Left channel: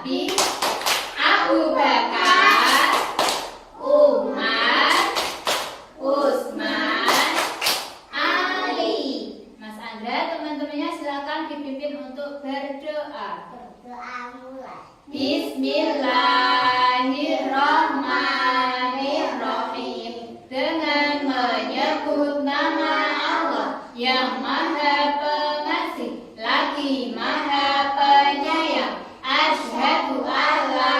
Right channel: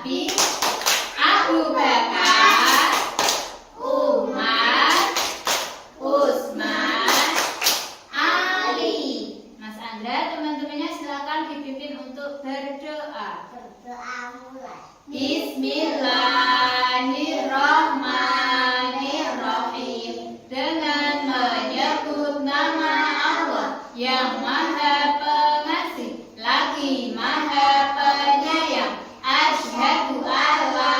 Nabi, Abu Bakar, Umar, Utsman, Ali. Mas Andra, teman-temannya silakan dipimpin untuk berdoa. Berdoa mulai. Bismillahirrahmanirrahim. Dengan menyebut nama Allah yang Maha Pengasih lagi Maha Penyayang. Asyhadu alla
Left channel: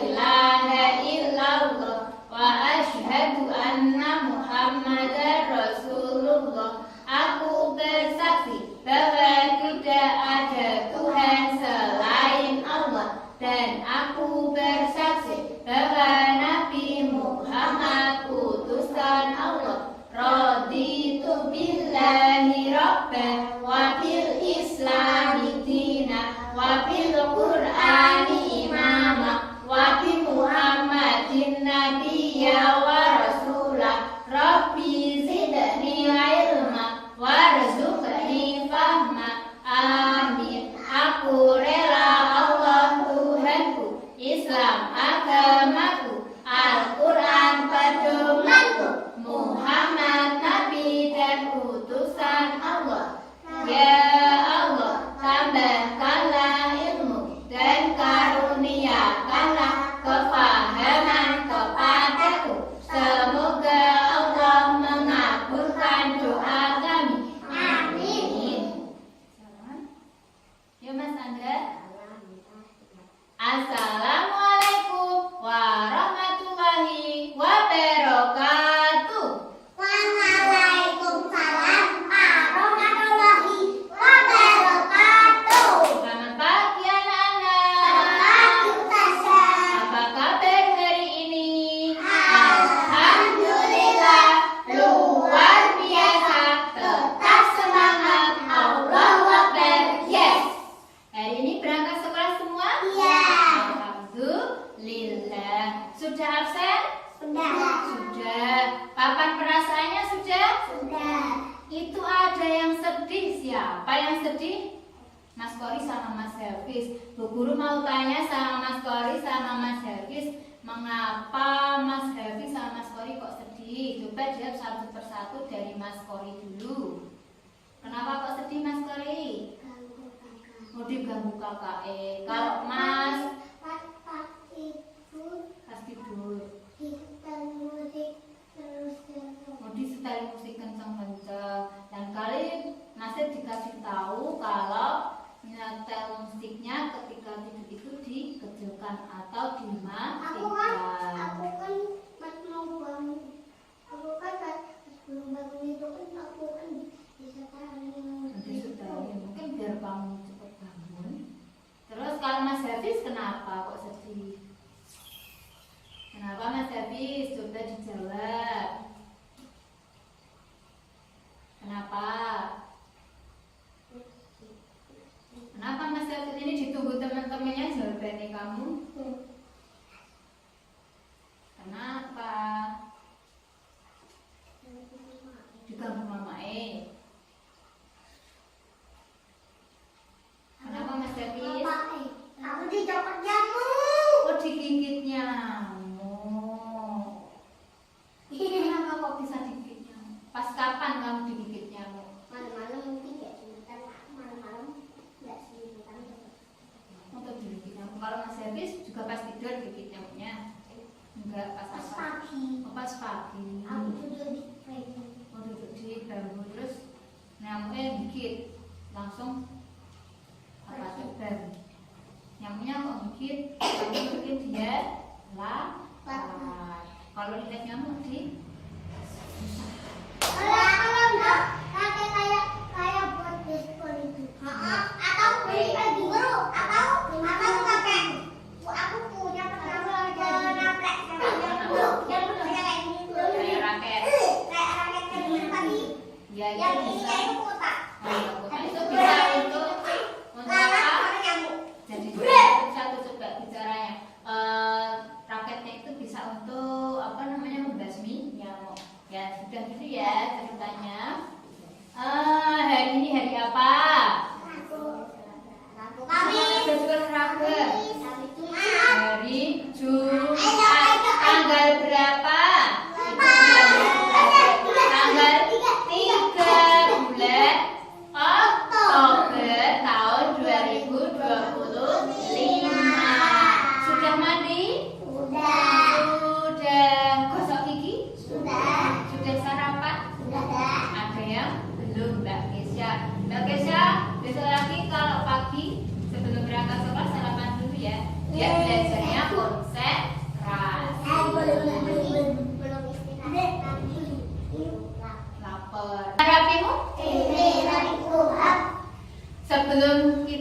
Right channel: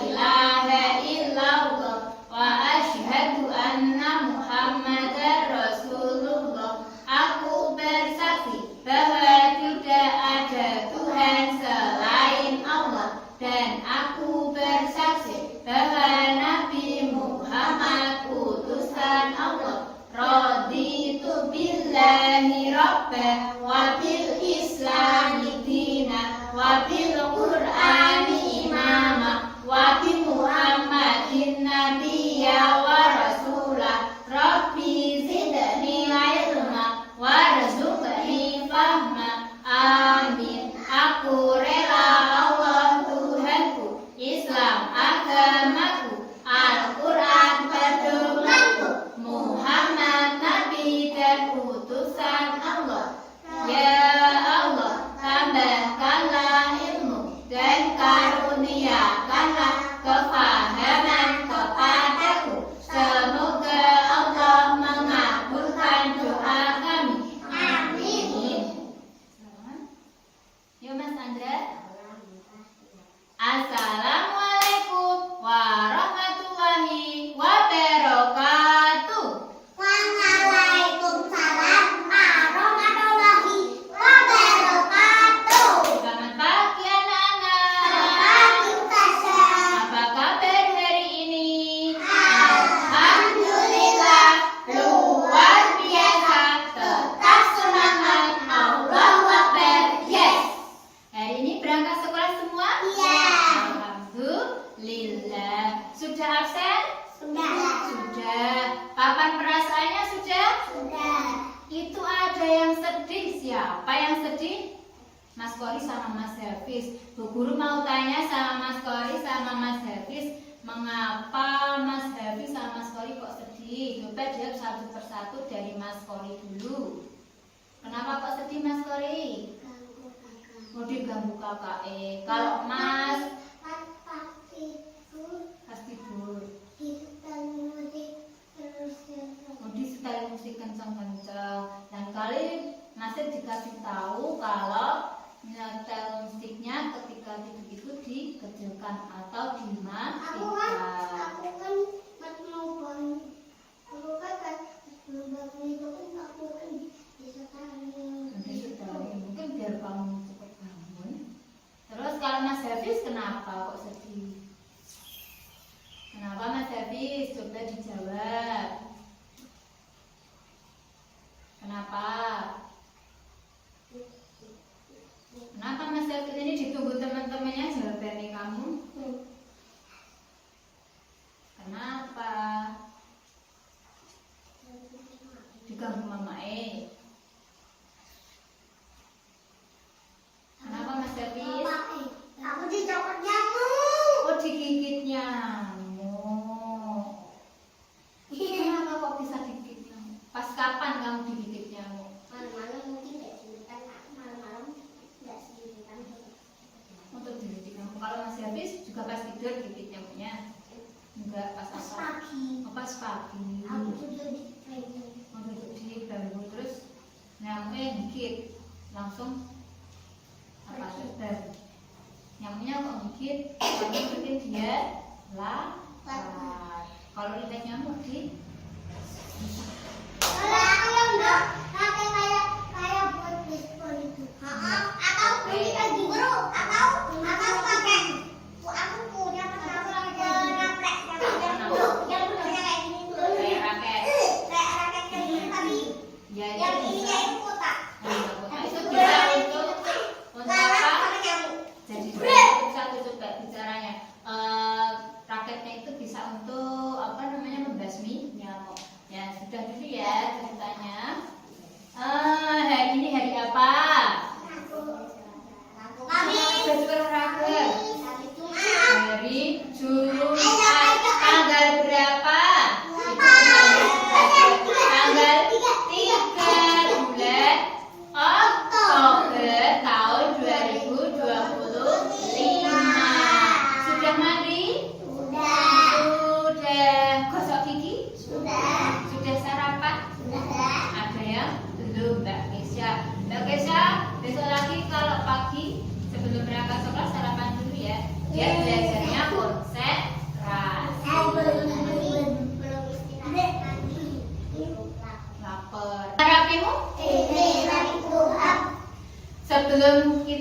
ilaha illallah wa asyhadu anna Muhammadar Rasulullah. Aku bersaksi bahwa tidak ada Tuhan selain Allah, dan aku bersaksi bahwa Nabi Muhammad utusan Allah. Raditu billahi rabban wa bil islami dina wa bil qur'ani imama wa bi Muhammadin nabiyya wa rasulah. Rabbi zidni ilma warzuqni fahma. Amin. Aku rela Allah Tuhanku, Islam agamaku, Al-Quran pedomanku, Muhammad Nabi dan utusan Allah. Ya Allah, tambahkanlah ilmu dan karuniakanlah kefahaman kepadaku. Semoga Allah mengabulkan doa kami. Amin. Yuk Mas Andra. Assalamualaikum warahmatullahi wabarakatuh. Waalaikumsalam warahmatullahi wabarakatuh. Selamat pagi anak-anak. Pagi Ustazah. Apa kabar hari ini? Alhamdulillah, Luar biasa. Tetap semangat. Allahu Akbar. Yes. Hari ini berangkat sekolah semua? Iya. Alhamdulillah. Sudah absen? Sudah. Sudah. Papan perasaannya sudah? Sudah. Itu ada yang sedih. Siapa yang sedih? Mas Kori sama Mas Hafiz. Bu Guru mau tanya sama Mas Kori sama Mas Hafiz, mengapa Mas Hafiz sama Mas Kori kok sedih? Coba jawab satu persatu dari Mas Kori dulu. Kenapa kok sedih Mas Kori? Mau diganggu kakak. Kalau Mas pas tidur, mau disetel musik kenceng-kenceng. Dan kali Masnya dikasih tahu kalau nyetel musiknya ketika tidur itu dikecilkan atau dimatikan. Aku kan mau bangun. Aku kan sebelum bangun itu kan aku kan disetelin. Nanti setelin, mungkin biar kamu cepat bangun. Terus kalau Mas Hafiz kenapa kok sedih? Kenapa Mas Hafiz? Coba dijawab. Kenapa? Kenapa Mas Hafiz ini ditunggu teman-temannya jawabannya kamu? Kenapa? Diganggu mama Kenapa Mas Hafiz? Kamu dicopot nyamuk. Oh, digigit nyamuk. Kenapa kok bisa digigit nyamuk? Pas kapan kamu digigit nyamuk? Malam-malam mungkin nggak sendirian. Malam-malam nggak sendirian. Untuk digigit nyamuk. Kalau Mas Hafiz juga pas tidur digigit nyamuknya? Enggak, pas Pas apa? pagi. Oh, pas pagi. Aku tidur di pagi. Oh, duduk di bambu terus nyamuknya gigit. Langsung apa terbang? Nyamuknya kok gigit? Kamu mungkin dia lapar. Kalau lihat nyamuk di Kalau enggak pakai kayak buat baseball itu. Atau beli lagi baru atau pakai. Aku punya pernah naprek yang kayak gini tuh. kayak raket. Kayak raket yang ini tadi. Ya, itu Yang ini bisa. kayak kotak. Oh, ya, kotak. Itu bisa untuk Karena apa? pakai nyamuk. Jadi satu coba bicaranya. Raketnya itu bisa untuk apa namanya membasmi nyamuk. Ya sudah dulu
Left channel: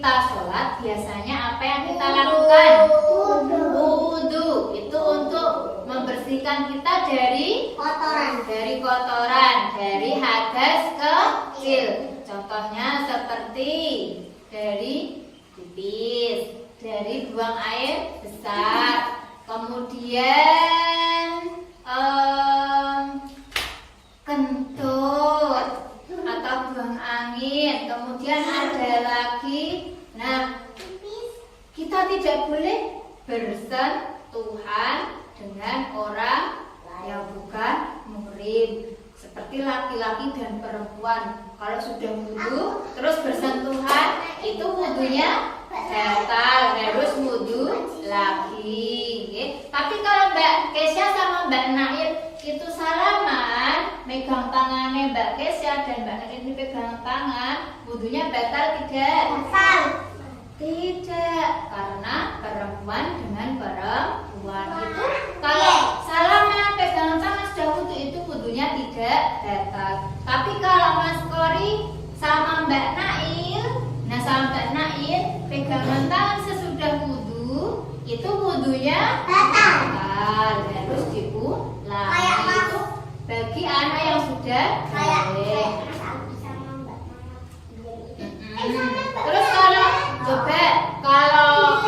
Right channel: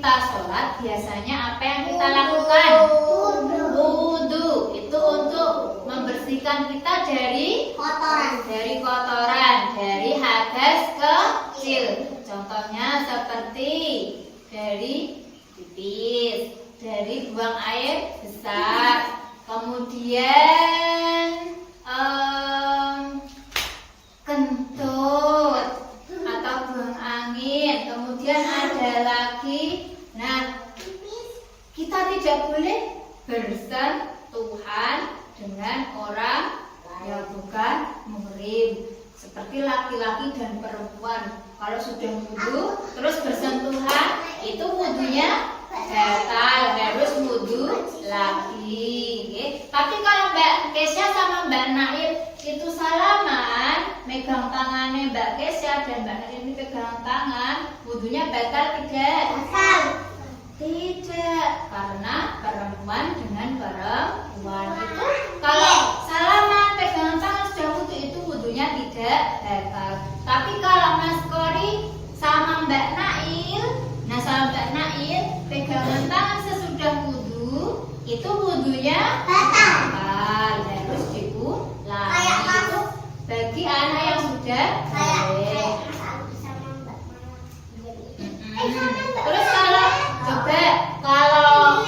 kita sholat biasanya apa yang kita lakukan? Wudu. Itu untuk membersihkan kita dari kotoran, dari hadas kecil. Contohnya seperti dari pipis, dari buang air besar, kemudian kentut atau buang angin, kemudian ada lagi. Nah, kita tidak boleh bersentuhan dengan orang yang bukan muhrim, seperti laki-laki dan perempuan. Kalau sudah wudu terus bersentuhan, itu wudunya batal, harus wudu lagi. Tapi kalau Mbak Kesya sama Mbak Nail itu salaman, megang tangannya Mbak Kesya dan Mbak Nail ini pegang tangan, wudunya batal tidak? Tidak, karena perempuan dengan perempuan itu kalau salaman pegangan tangan sudah wudu, itu wudunya tidak batal. Tapi kalau Mas Kori sama Mbak Nail, nah sama Mbak Nail pegangan tangan sesudah wudu, itu wudunya batal, harus diulangi. Itu bagi anak yang sudah boleh. Terus kalau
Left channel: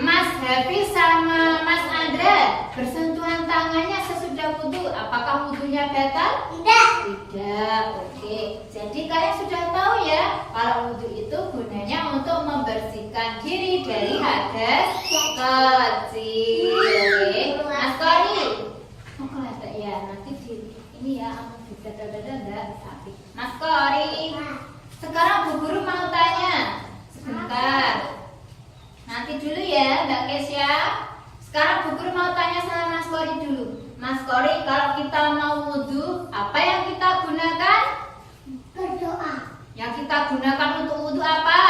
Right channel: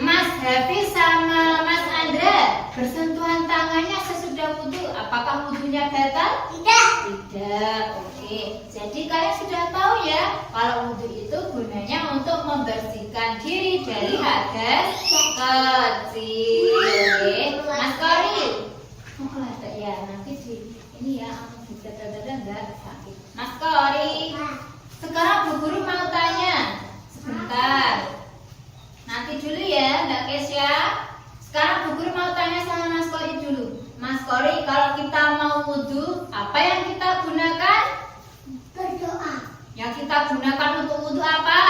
Mas Hafiz sama Mas Andra bersentuhan tangannya sesudah wudu, apakah wudunya batal? Tidak. Oke. Jadi kalian sudah tahu ya, kalau wudu itu gunanya untuk membersihkan diri dari hadas kecil. Oke. Mas Kori, ya nanti di ini ya, bisa enggak sakit. Mas Kori, sekarang Bu Guru mau tanya sebentar. Nanti dulu ya Mbak Kesya. Sekarang Bu Guru mau tanya sama Mas Kori dulu. Mas Kori, kalau kita mau wudu, apa yang kita gunakan? Berdoa. Yang kita gunakan untuk wudu apa?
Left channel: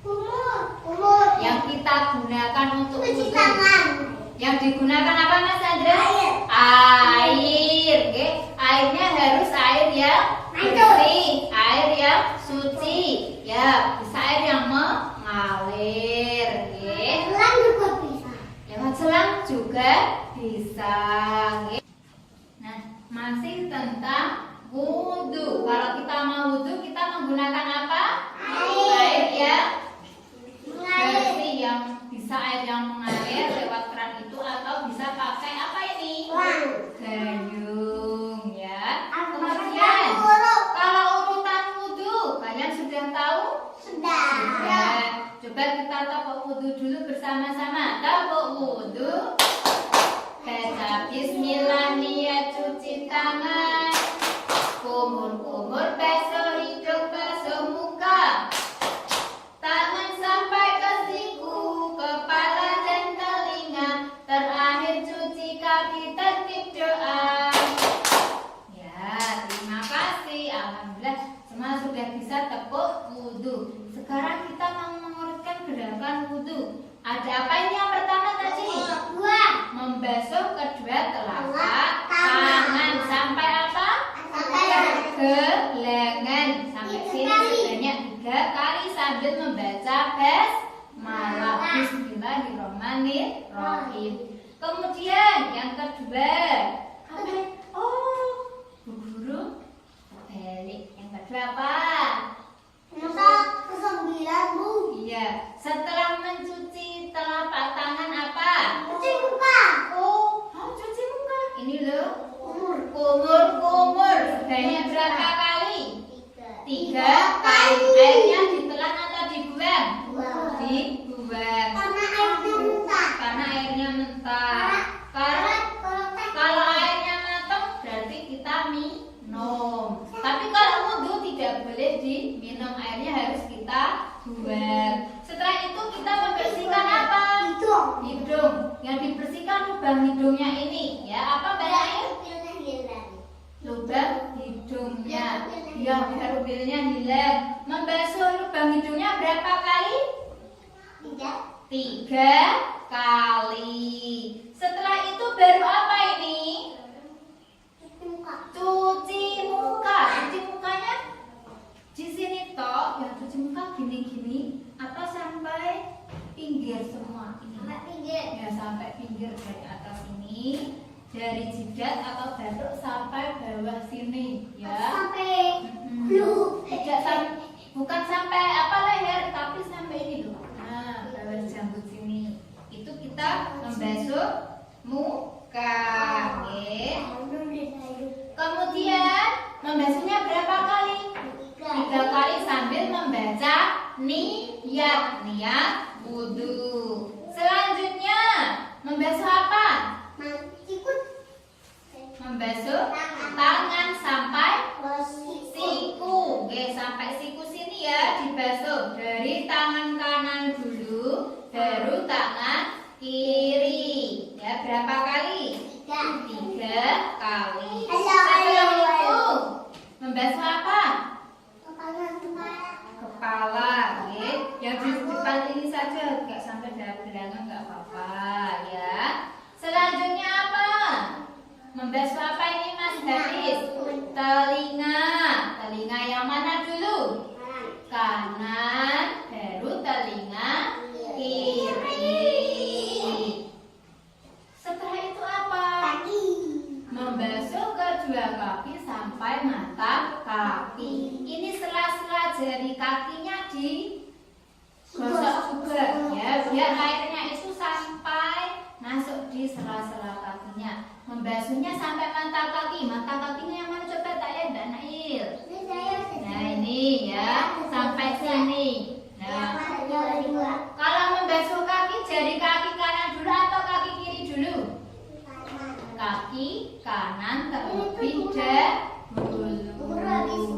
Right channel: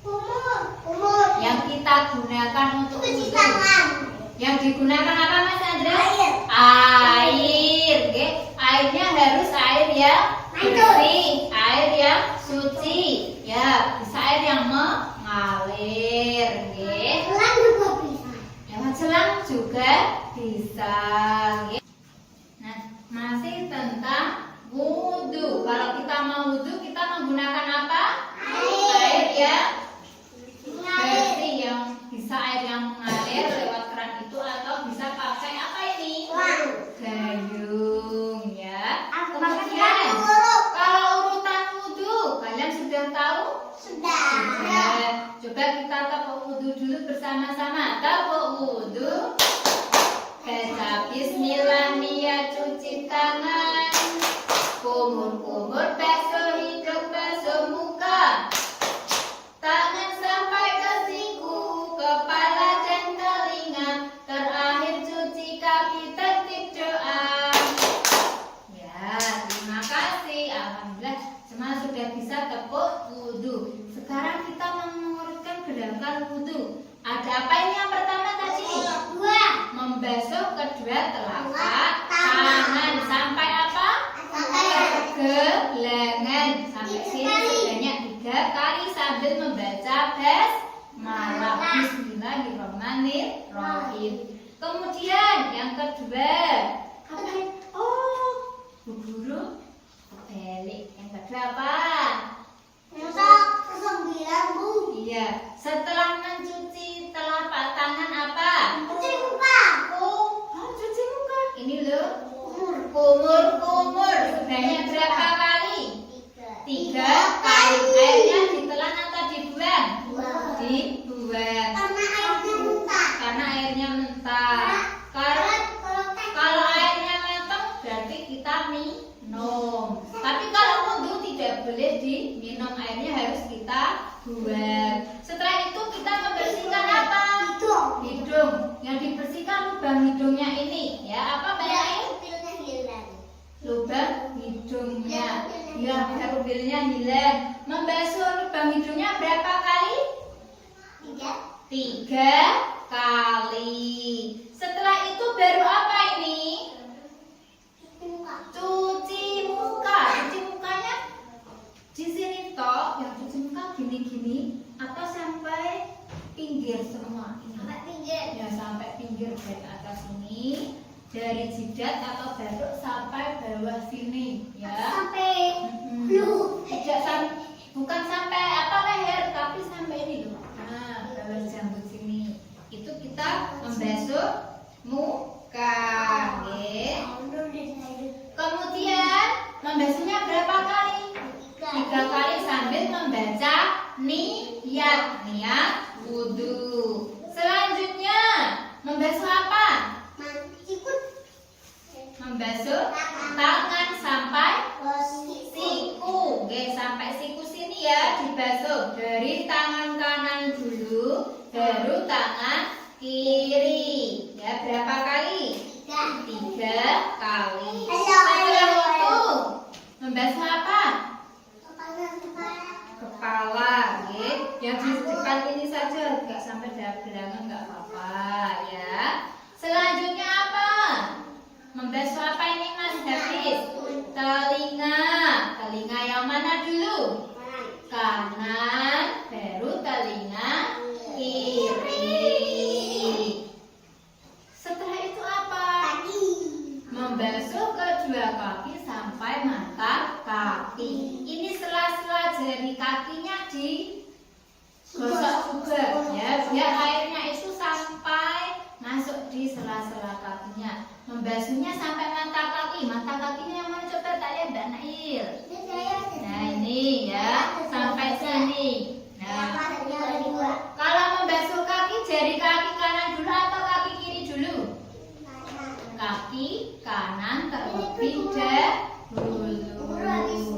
Umur. Yang kita gunakan untuk Cuci wudu. tangan. Yang digunakan apa Mas Andra? Air. Air. Oke. Airnya harus air yang bersih, air yang suci. Ya, bisa air yang mengalir. Oke. Selang juga bisa. Lewat selang juga bisa. Oke. Nah, masih tentang wudu. Kalau kita mau wudu, kita menggunakan apa? Air yang bersih, yang bisa air yang mengalir lewat keran itu, atau bisa pakai apa ini? Gayung ya. Kemudian kalau urutan wudu, kalian sudah tahu? Sudah. Coba kita tepuk wudu dulu bersama-sama. Tepuk wudu. Baca bismillah, niat cuci tangan. Kumur-kumur basuh hidung, basuh muka. Tangan sampai ke siku, kepala dan telinga. Terakhir cuci kaki, tertib doa. Ya, terima kasih. Alhamdulillah semua sudah bisa tepuk wudu. Sekarang kita mau mengurutkan gerakan wudu. Ada apa ini yang pertama tadi? Membasuh kedua telapak tangan sampai apa? Ke lengan. Sampai sini sebanyak 3 kali sambil membaca basmalah. Bismillahirrahmanirrahim. Kemudian yang kedua, Bu Guru balik. Yang kedua apa? Iya, setelah mencuci telapak tangan apa? Cuci muka. Cuci muka. Ini loh. Kumur. Sebanyak berapa kali? 3 kali. Airnya ditelan atau dibuang? Dibuang. Karena airnya mentah. Kalau airnya matang berarti kita minum. Tapi kalau wudu tidak boleh diminum, airnya harus kita buang. Setelah itu kita membersihkan apa? Hidung. Yang dibersihkan lubang hidungnya ini. Ya, apa Mbak Nail? Lubang hidungnya. Ya, biar ubilnya hilang. Membasuh lubang hidungnya berapa kali? 3 kali. Setelah itu baru apa ini? Cuci muka. Cuci mukanya di sini toh. Yang cuci muka gini-gini. jidat atau batuk sampai bawah sini, ya. Sampai Bukan sampai apa leher, tapi sampai ini tuh. Nah, bawah janggut sini. Itu kita membasuh muka, ya. Kemudian membasuhnya berapa kali? 3 kali sambil membaca niat wudhu. Selanjutnya membasuh apa? Membasuh tangan sampai siku. Oke, sampai siku sini ya dibasuh. Dari tangan kanan dulu, baru tangan kiri. Ya, berapa kali? 3 kali. Setelah itu membasuh apa? Kepala, ya. Yang di depan ini saja, nggak sampai belakang nggak apa-apa, ya. Selanjutnya apa? Membasuh apa ini, Mas Hafiz? Telinga. Telinga yang mana dulu? Kanan, baru telinga kiri. Setelah itu apa? Membasuh kedua kaki sampai mata kaki. Ini sela-sela jari kakinya digosok juga, ya, biar airnya itu sampai masuk di sela-sela kakinya. Membasuhnya sampai mata kaki. Mata kakinya yang mana coba tak lihat Mbak Nail? Nah ini ya, sampai sini. Nah, kalau membasuh kaki, jari kaki kanan dulu atau kaki kiri dulu? Kaki kanan terlebih dahulu.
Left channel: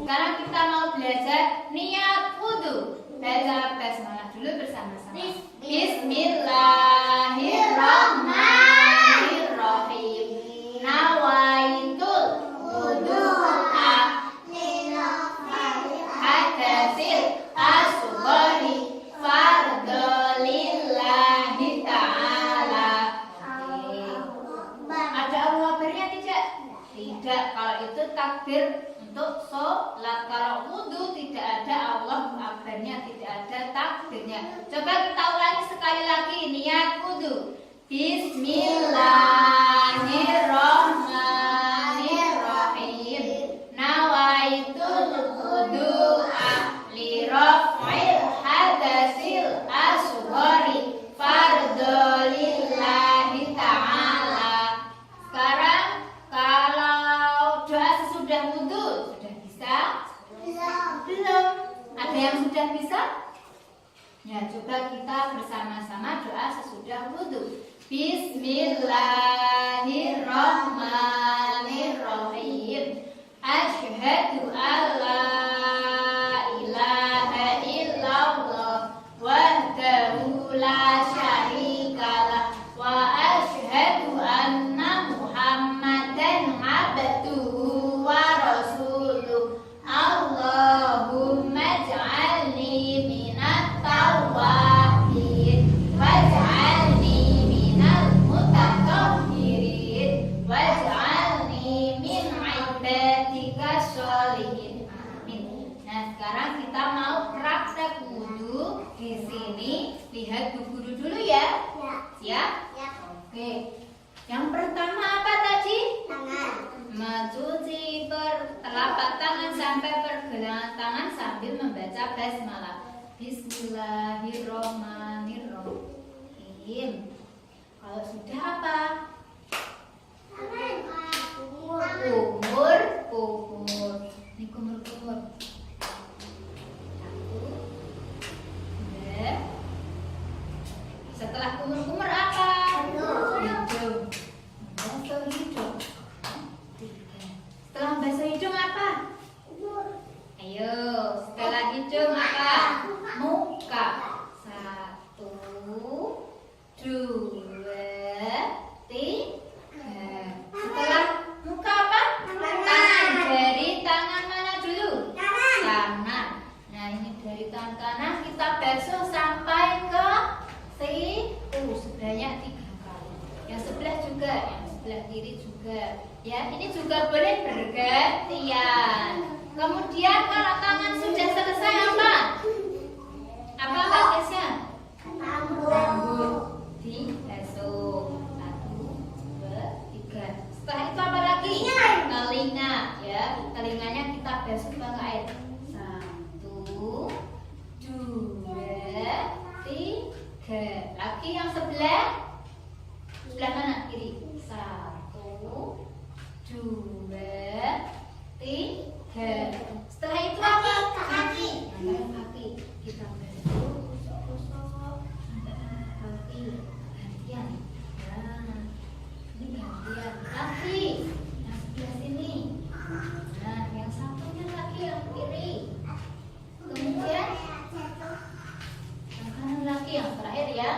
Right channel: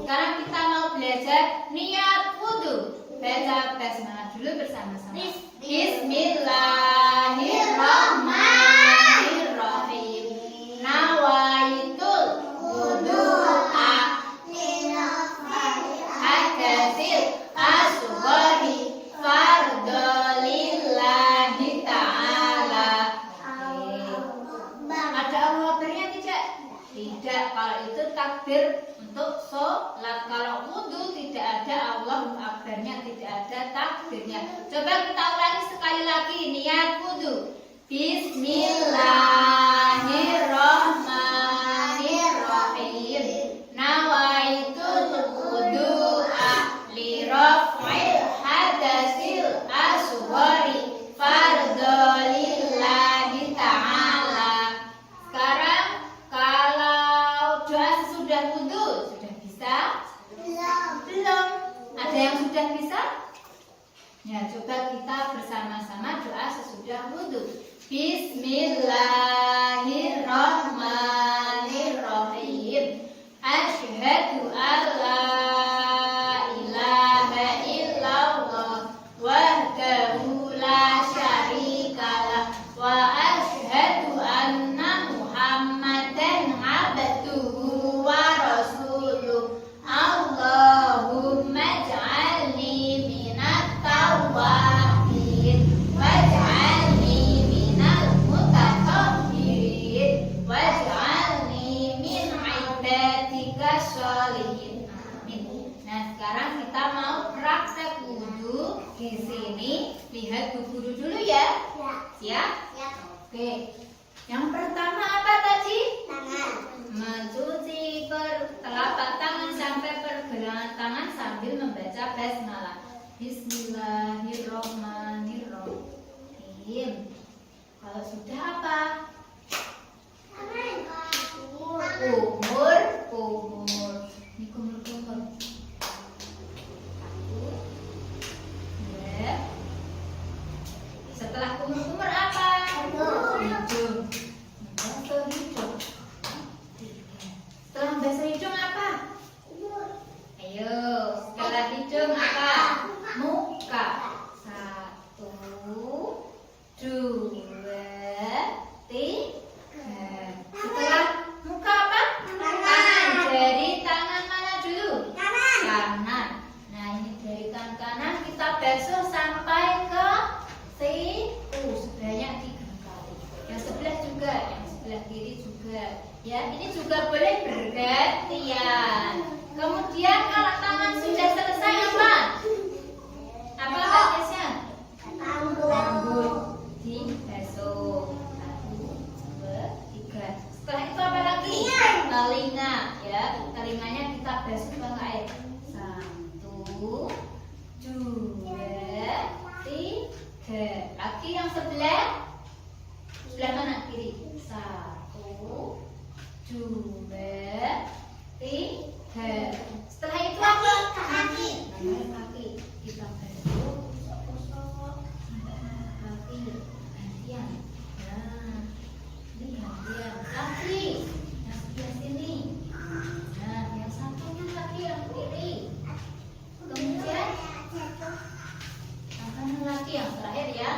Sekarang kita mau belajar niat wudhu. Baca basmalah dulu bersama-sama. Bismillahirrahmanirrahim. Nawaitul wudu'a hadasil asghari fardolillahi ta'ala. Ada Allahu Akbarnya tidak? Tidak. Kalau itu takbir untuk sholat. Kalau wudhu tidak ada Allahu Akbarnya, tidak ada takbirnya. Coba kita ulangi sekali lagi niat wudhu. Bismillahirrahmanirrahim. Nawaitul wudu'a liraf'il hadasil asghari fardolillahi ta'ala. Sekarang kalau doa sesudah wudhu sudah bisa? Belum. Ada yang sudah bisa? Ya, coba kita bersama-sama doa sesudah wudhu. Bismillahirrahmanirrahim. Asyhadu alla ilaha illallah wahdahu la syarikalah wa asyhadu anna Muhammadan abduhu wa rasuluh. Allahumma ij'alni minat tawwabin waj'alni minal mutatahhirin waj'alni min ibadika sholihin. Amin. Nah, sekarang kita mau praktek wudhu. Di sini lihat Bu Guru dulu ya. Siap? Oke. Yang pertama apa tadi? Mencuci telapak tangan sampai pergelangan tangan sambil membaca basmalah. Bismillahirrahmanirrahim. Kalau sudah apa? Kumur. Ini kumur. 1, 2. Setelah kumur apa? Hidung. Membasuh hidung. 3. Setelah membasuh hidung apa? Ayo, setelah hidung apa? Muka. 1, 2, 3. Setelah muka apa? Kanan. Dari tangan mana dulu? Kanan. Nah, ini dari tangan kanan kita basuh sampai ke siku sebanyak 3 kali. Yang sebelah juga, yang sebelah kiri juga. Ya, ini juga boleh bergantian. Kemudian kalau tangan sudah selesai apa? Apa Kak Tasya? Rambut dibasuh. 1, 2, 3. Setelah itu telinga ya. Telinganya kita basuh pakai air. 1, 2, 3. Lagi yang sebelah mana? Kiri. 1, 2, 3. Setelah itu apa? Kaki. Kita basuh, gosok-gosok sampai kaki. Gantian. Nah, ini gantian. Kaki yang sebelah sini. Nah, yang satunya lagi yang kiri. Kemudian yang kanan lagi, yang terakhir ya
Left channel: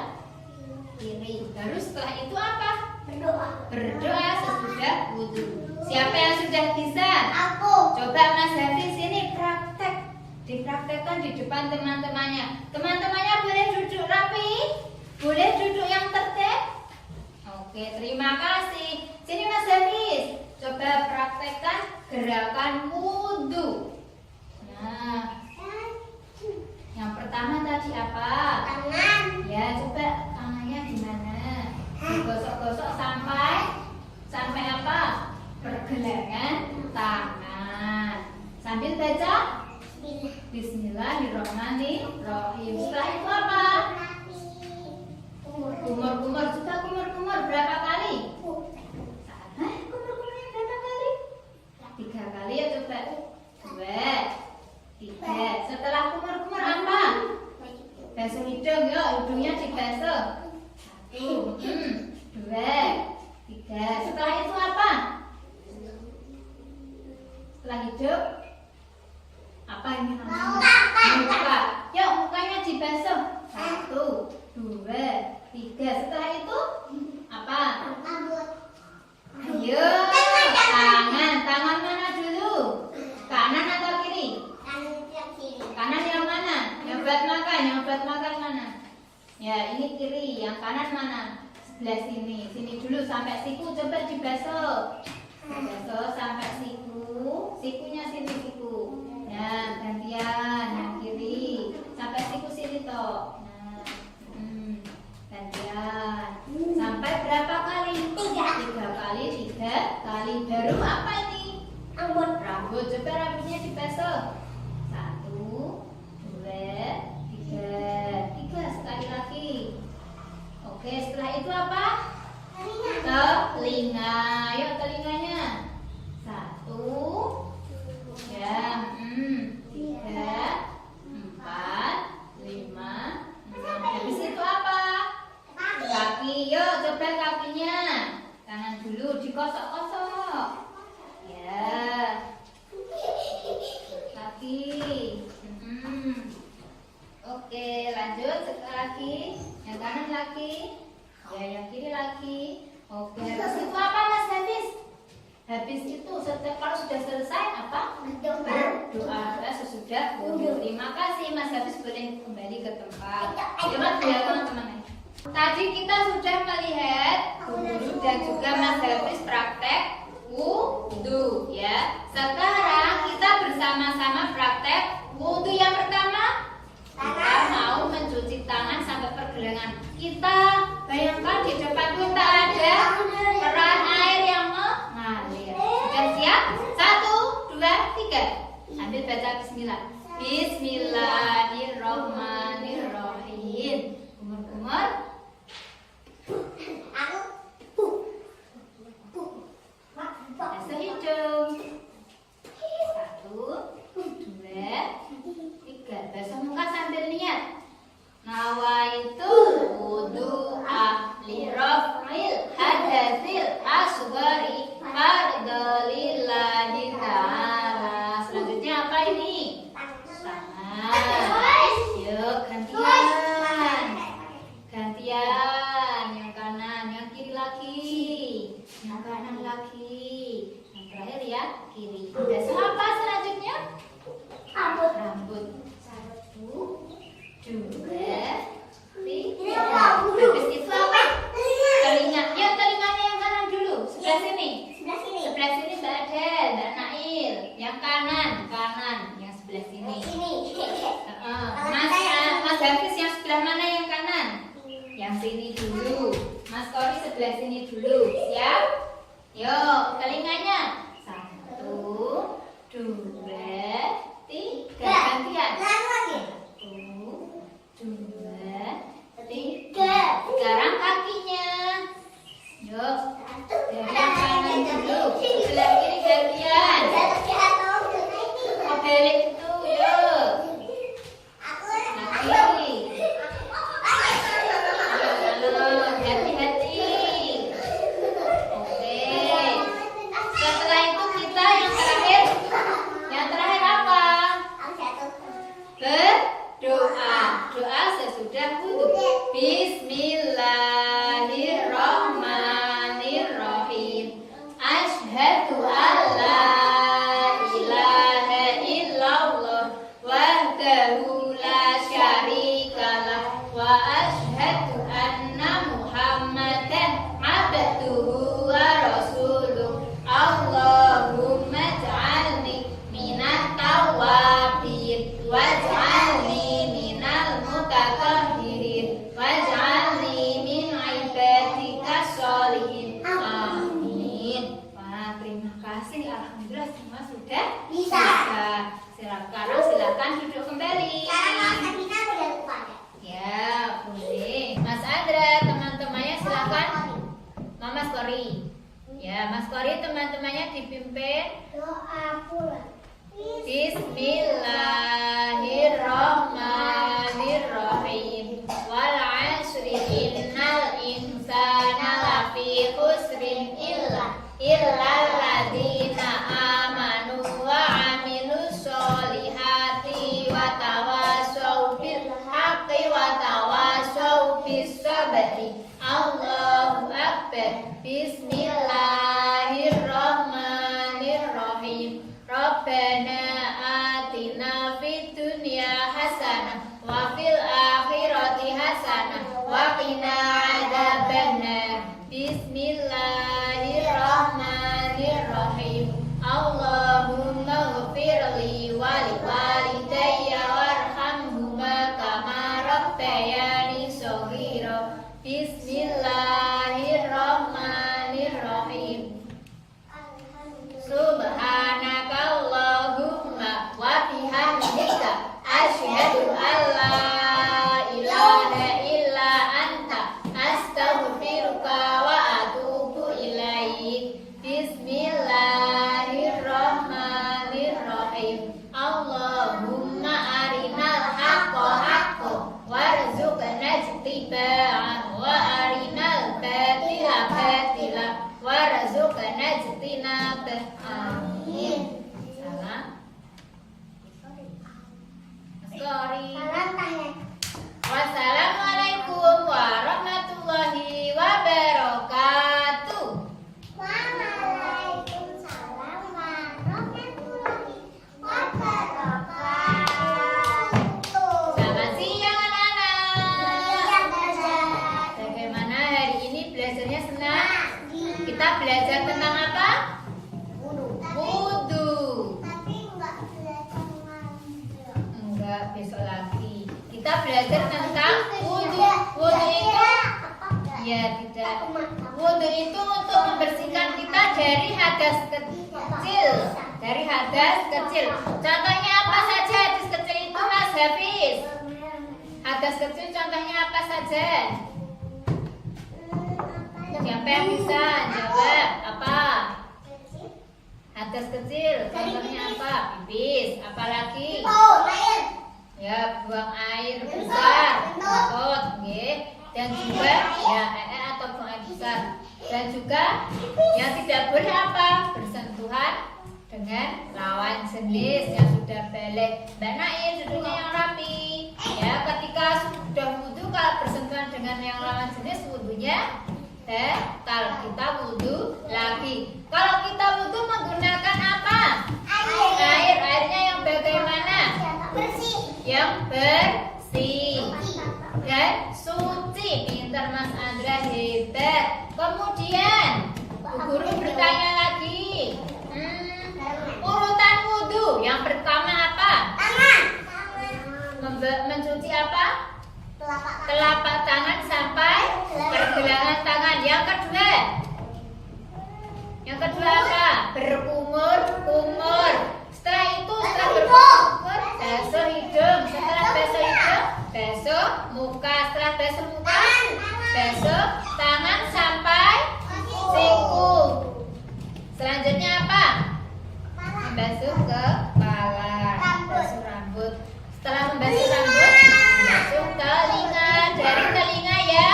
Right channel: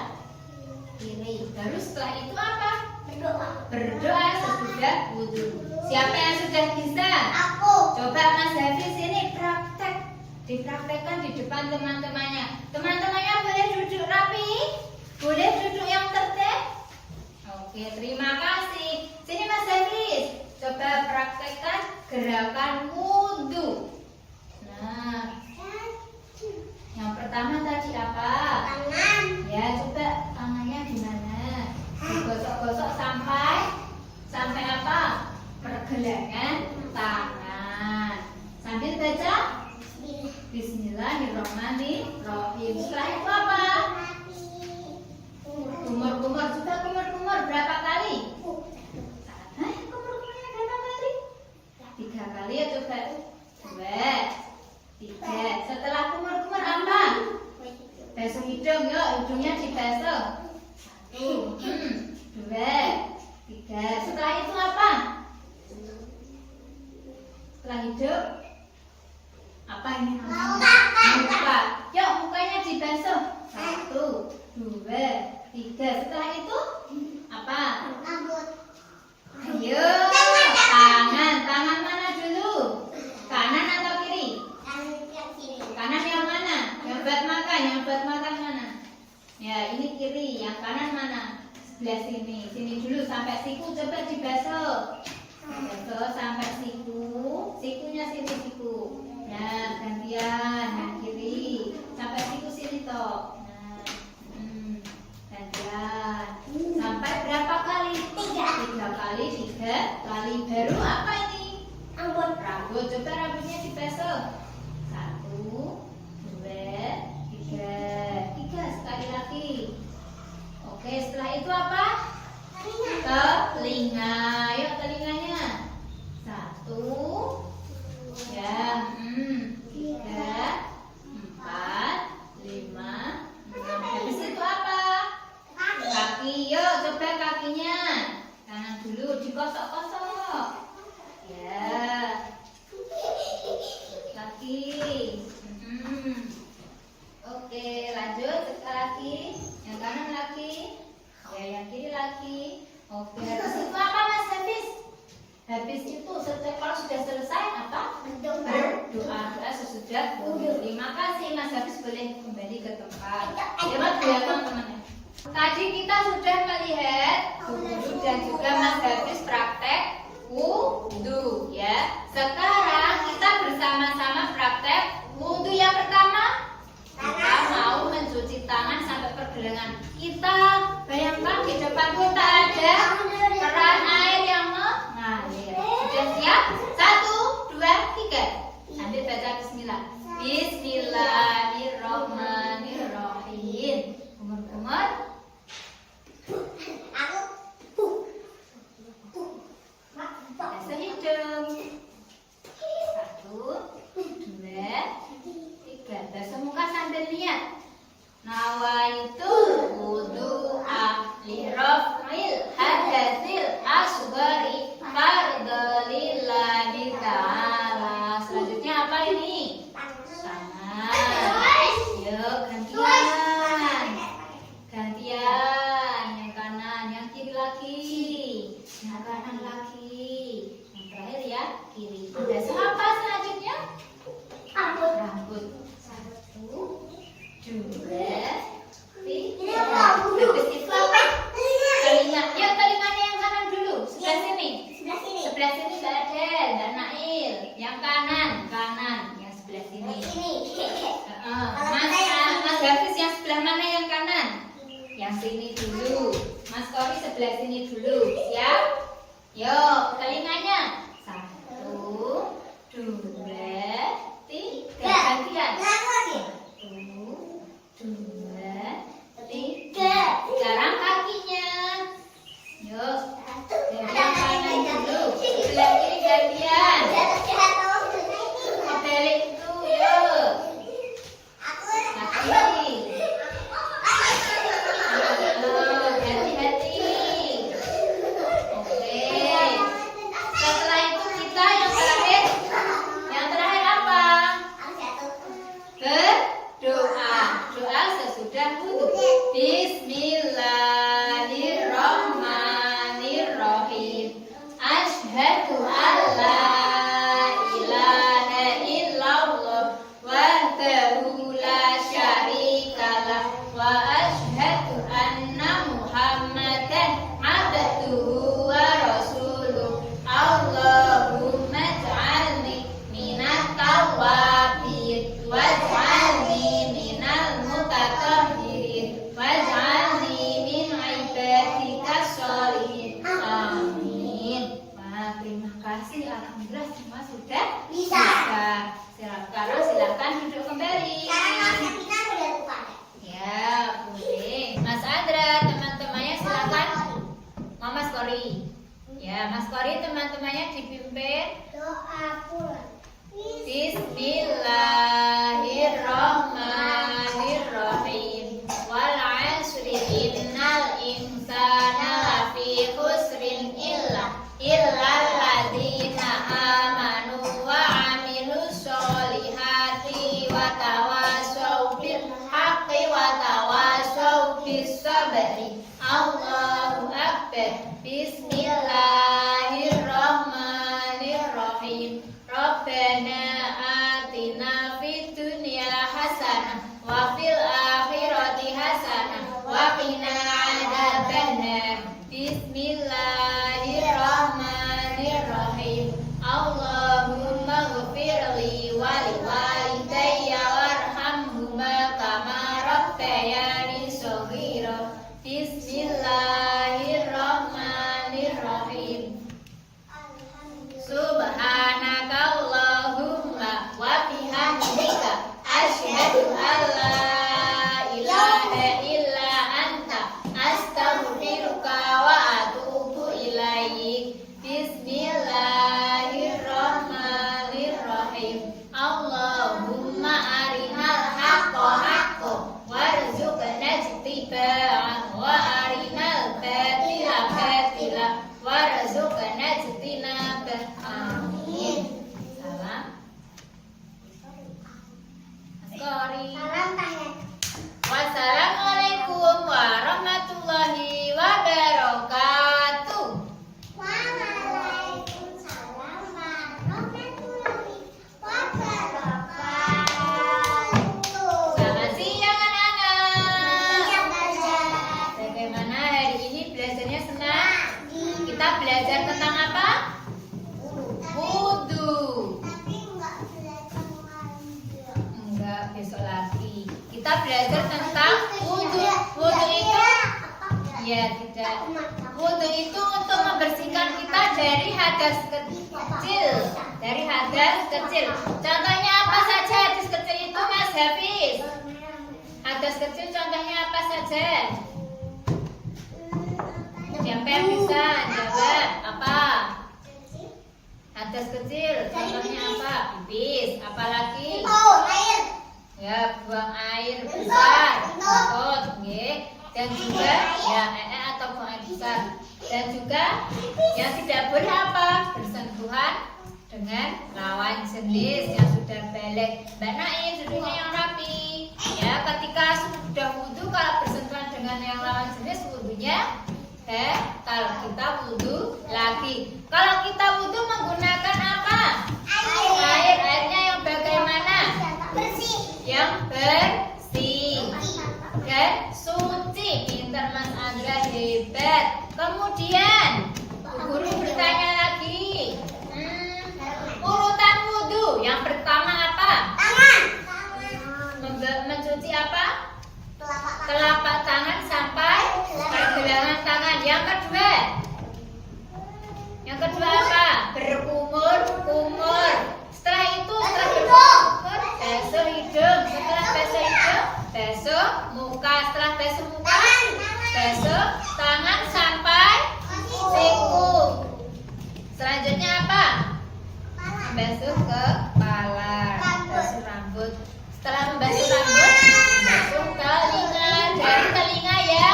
kiri. Baru setelah itu apa? Berdoa sesudah wudhu. Siapa yang sudah bisa? Aku. Coba Mas Hafiz sini praktek. Dipraktekkan di depan teman-temannya. Teman-temannya boleh duduk rapi? Boleh duduk yang tertib? Oke, terima kasih. Sini Mas Hafiz, coba praktekkan gerakan wudhu. Nah, yang pertama tadi apa? Tangan. Ya, coba tangannya gimana? Digosok-gosok sampai apa? Pergelangan tangan. Sambil baca Bismillahirrahmanirrahim. Setelah itu apa? Kumur-kumur. Coba kumur-kumur berapa kali? Kumur-kumurnya berapa kali? 3 kali ya coba. 2, 3. Setelah kumur-kumur apa? Basuh hidung yuk, hidungnya dibasuh. 1, 2, 3. Setelah itu apa? Setelah hidung apa ini namanya? Muka. Yuk mukanya dibasuh. 1, 2, 3. Setelah itu apa? Ayo. Tangan mana dulu? Kanan atau kiri? Kanan yang mana? Yang buat makan mana? Ya ini kiri. Yang kanan mana? Sebelah sini. Sini dulu sampai siku, coba dibasuh. Basuh sampai siku. Sikunya sini siku. Ya gantian yang kiri sampai siku sini toh. Nah, gantian sampai berapa kali? 3 kali. 3 kali. Baru apa ini? Rambut. Coba rambutnya dibasuh. 1, 2, 3. 3 sekali lagi. Oke, setelah itu apa? Telinga. Yuk telinganya. 1, ya, 3, 4, 5, 6. Habis itu apa? Kaki. Yuk coba kakinya. Tangan dulu dikosok-kosok. Ya. Kaki. Oke, lanjut sekali lagi. Yang kanan lagi. Ya, yang kiri lagi. Oke, habis itu apa Mas Hafiz? Habis itu kalau sudah selesai apa? Berdoa sesudah wudhu. Terima kasih Mas Hafiz, boleh kembali ke tempat. Selamat ya teman-teman. Tadi kita sudah melihat wudhu dan juga Mas Hafiz praktek wudhu ya. Sekarang kita bersama-sama praktek wudhu. Yang pertama kita mau mencuci tangan sampai pergelangan. Kita bayangkan di depan kita ada keran air yang mengalir. Sudah siap? 1, 2, 3. Sambil baca bismillah. Bismillahirrahmanirrahim. Kumur-kumur. Basuh hidung. 1, 2, 3. Basuh muka sambil niat. Nawaitu wudu'a li raf'il hadatsil asghari fardalillahi ta'ala. Selanjutnya apa ini? Tangan. Yuk gantian. Gantian. Yang kanan, yang kiri lagi. Yang kanan lagi. Yang terakhir ya kiri. Basuh apa selanjutnya? Rambut. 1, 2, 3. Habis itu apa? Telinga. Yuk telinganya yang kanan dulu. Sebelah sini. Sebelah sini Mbak Adel, Mbak Nail. Yang kanan. Yang sebelah sini. Mas Hafiz yang sebelah mana yang kanan? Yang sini dulu. Mas Kori sebelah sini dulu. Siap? Yuk telinganya. 1, asyhadu alla ilaha illallah wahdahu la syarikalah wa asyhadu anna Muhammadan abduhu wa rasuluh. Allahumma ij'alni minat tawwabin waj'alni minal mutatahhirin waj'alni min ibadika sholihin. Amin. Wah, terima kasih. Alhamdulillah semua sudah Bisa. Silakan duduk kembali. Sekarang Mas Evita udah lupa. Ya, boleh. Mas Andra, teman-temannya silakan. Mama Skori. Ya, Mas Skori teman-temannya dipimpin. Doa pulang. Bismillahirrahmanirrahim. Wal 'asri innal insana lafi khusrin illal ladzina amanu wa 'amilus solihati wa tawassaw bil haqqi wa tawassaw bis sabri. Allahu akbar. Bismillahirrahmanirrahim. Rabbana atina fid dunya hasanah wa fil akhirati hasanah wa qina adzabannar. Bismillahirrahmanirrahim. Allahumma ghfirli wa liwalidayya warhamhuma kama rabbayani shaghira. Bismillahirrahmanirrahim. Subhanakallahumma wa bihamdika asyhadu an la ilaha illa anta astaghfiruka wa atubu ilaik. Bismillahirrahmanirrahim. Allahumma arinal haqqa haqqan warzuqna ittiba'ah wa arinal batila batila warzuqna ijtinabah. Amin. Salam. Mas Kori. Salam tanya. Wassalamualaikum warahmatullahi wabarakatuh. Waalaikumsalam warahmatullahi wabarakatuh. Selamat siang anak-anak. Siap, Belajar. Bagaimana hari ini belajarnya senang? Di Kita belajar tentang apa? Wudu. tapi enggak belajar mengajar. Enggak, besok lagi. Kita belajar tentang wudu. Wudu itu ya tidak. Wudu itu untuk membersihkan kita dari hadas kecil. Dari hadas kecil. Contohnya apa saja hadas kecil itu, Mas Hafiz? Hadas kecil contohnya apa saja? Siapa yang bisa jawab? Apa? Hadas kecil contohnya apa? Pipis. Apalagi? Oh, air. Ya, buang air besar, kentut, nggih. Dan juga ya atau buang air besar. Dan juga yang tidak boleh apa? Bersentuhan dengan lawan jenis yang sudah balik. Mbak Naim duduknya yang rapi. Ya, ketika sudah wudu kalau bersentuhan dengan yang lawan jenis wudunya kalau kita wudu lagi. Kalau kita wudu menggunakan apa? Airnya yang bagaimana? Bersih. Yang bersih dan suci. Pintar Mas Andra, hebat. Kemudian Bu Guru bertanya lagi, urutan wudu yang pertama apa? Tangan. Mencuci apa? Telapak tangan sampai pergelangan tangan. Yang kedua apa? Berkumur. Setelah itu berkumur, basuh hidung. Setelah basuh hidung, basuh muka. Setelah basuh muka, basuh tangan sampai siku. Selanjutnya apa? Membasuh kepala, basuh rambut. Setelah membasuh rambut, membasuh telinga. Dari telinga ya,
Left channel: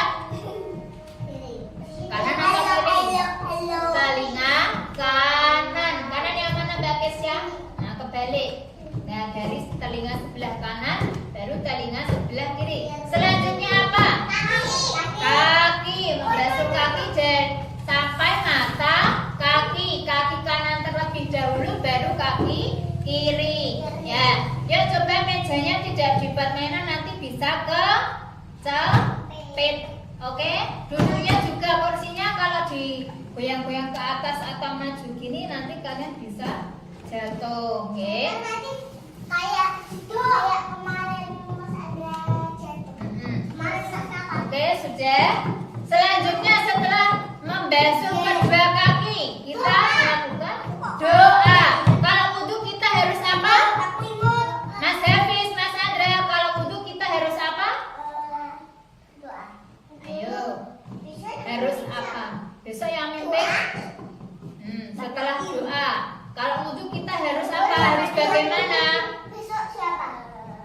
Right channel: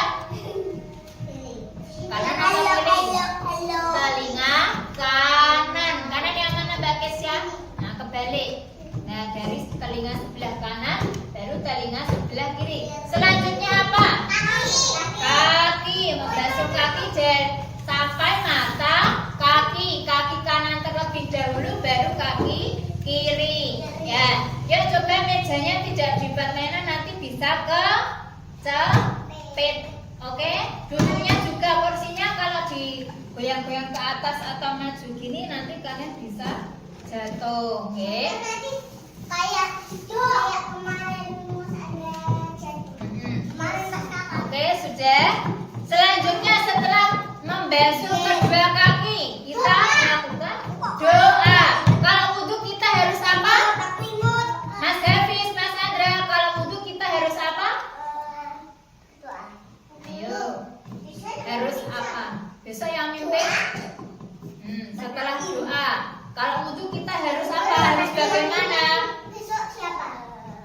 kanan atau kiri? Telinga kanan. Kanan yang mana Mbak Kesya? Nah, kebalik. Nah, dari telinga sebelah kanan baru telinga sebelah kiri. Selanjutnya apa? Kaki. Membasuh kaki sampai mata kaki. Kaki kiri. Ya, yuk coba mejanya tidak dibuat mainan, nanti bisa kecepit. Oke, duduknya juga kursinya kalau digoyang-goyang ke atas atau maju gini nanti kalian bisa jatuh. Oke. Nanti kayak kemarin Mas ada jatuh. Kemarin pas kapan? Oke, sudah. Selanjutnya setelah membasuh kedua kaki, kita melakukan doa. Kalau wudhu kita harus apa? Mas Hafiz, Mas Andra, kalau wudhu kita harus apa? Ayo, harus apa? Besok yang mimpin. Setelah doa, kalau wudhu kita harus apa? Harus bagaimana? Besok siapa?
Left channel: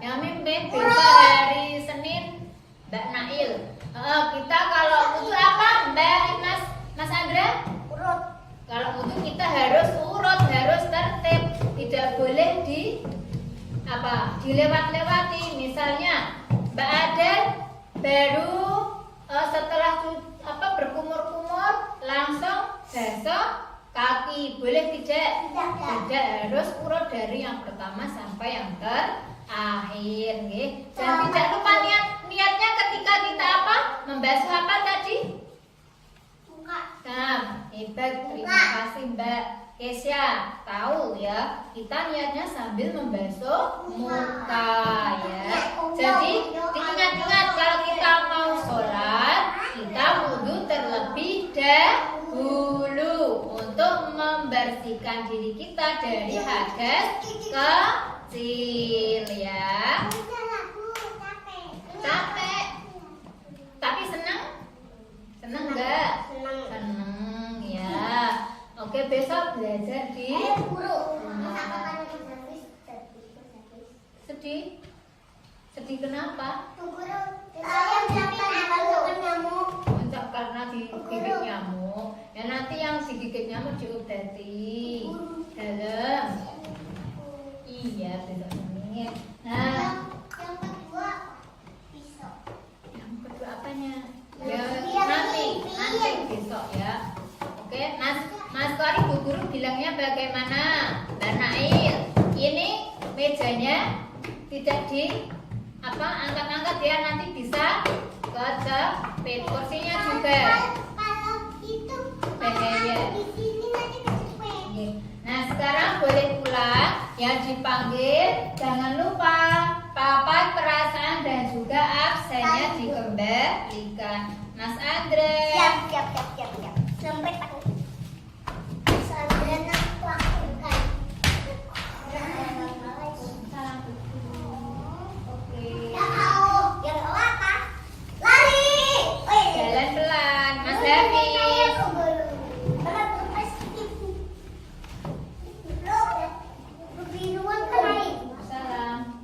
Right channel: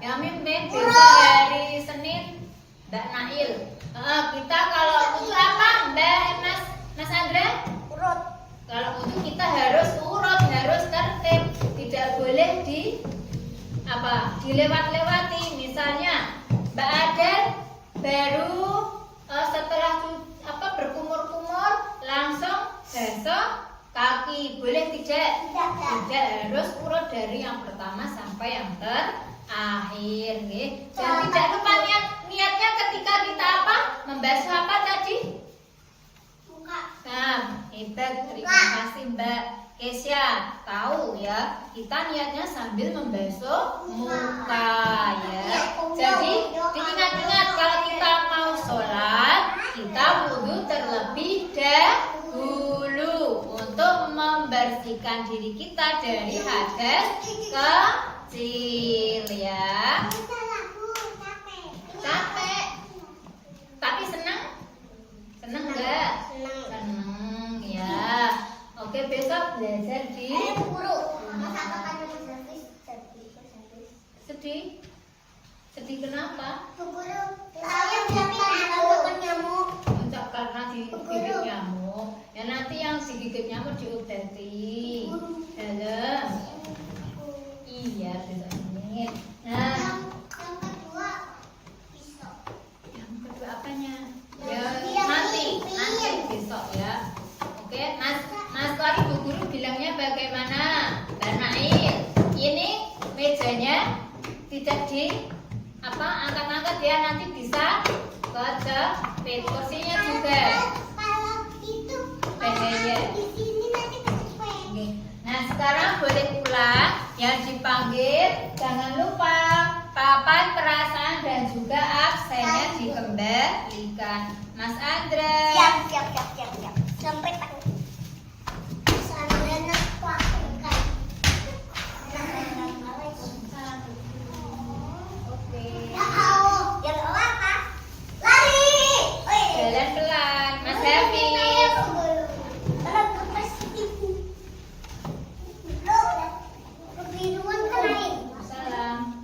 Yang mimpin besok hari Senin Mbak Nail. Kita kalau wudhu apa Mbak Mas Andra? Urut. Kalau wudhu kita harus urut, harus tertib, tidak boleh dilewat-lewati. Misalnya Mbak Adel baru setelah berkumur-kumur langsung basuh kaki, boleh tidak? Tidak, harus urut dari yang pertama sampai yang terakhir, nggih. Dan tidak lupa niatnya ketika kita membasuh apa tadi? Muka. Nah, hebat, terima kasih Mbak Kesya. Tahu ya, kita niatnya sambil membasuh muka ya. Jadi diingat-ingat kalau kita mau sholat, kita wudhu terlebih dahulu untuk membersihkan diri kita dari hadas kecil ya. Capek, tapi senang? Senang enggak? Senang ya. Oke, besok belajar di sedih. Sedih kenapa? Enggak, karena digigit nyamuk. Ya nanti yang digigit nyamuk diobati. Dalam. Iya, besok Senin. Nah, yang kedua apanya? Ya nanti besok ya. Oke, Mas Kori Bu Guru bilangnya bagaimana? Mbak Nail, ini mejanya tidak angkat-angkat ya, nanti bisa kecepit. Kursinya juga. Kalau itu Bahaya. di sini nanti kecepet. Oke. Nah sekarang boleh pulang. Yang dipanggil jangan lupa papan perasaan dan juga absennya dikembalikan. Mas Andra. Siap. Sampai tahu. Sandra nak pakai. Oke. Yang apa? Lari. Jalan pelan, Mas Hafiz. Salam.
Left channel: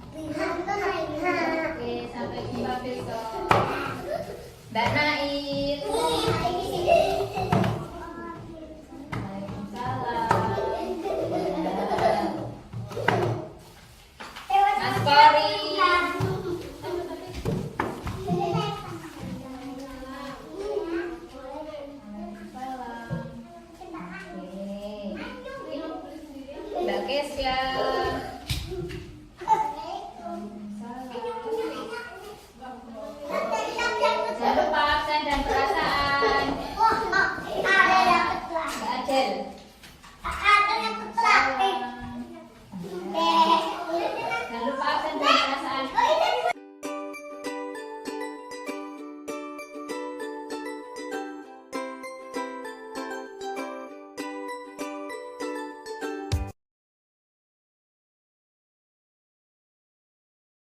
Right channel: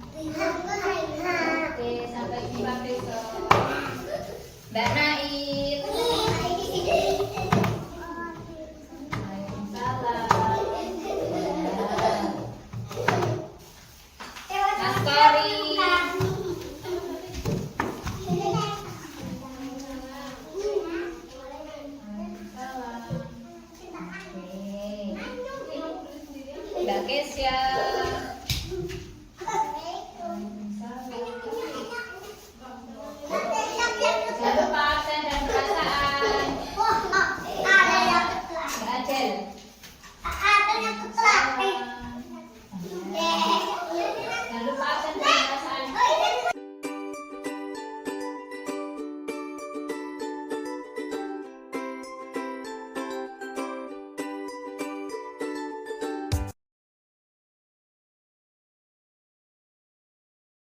Oke, sampai jumpa besok. Mbak Nail. Mas Kori. Mbak Kesya.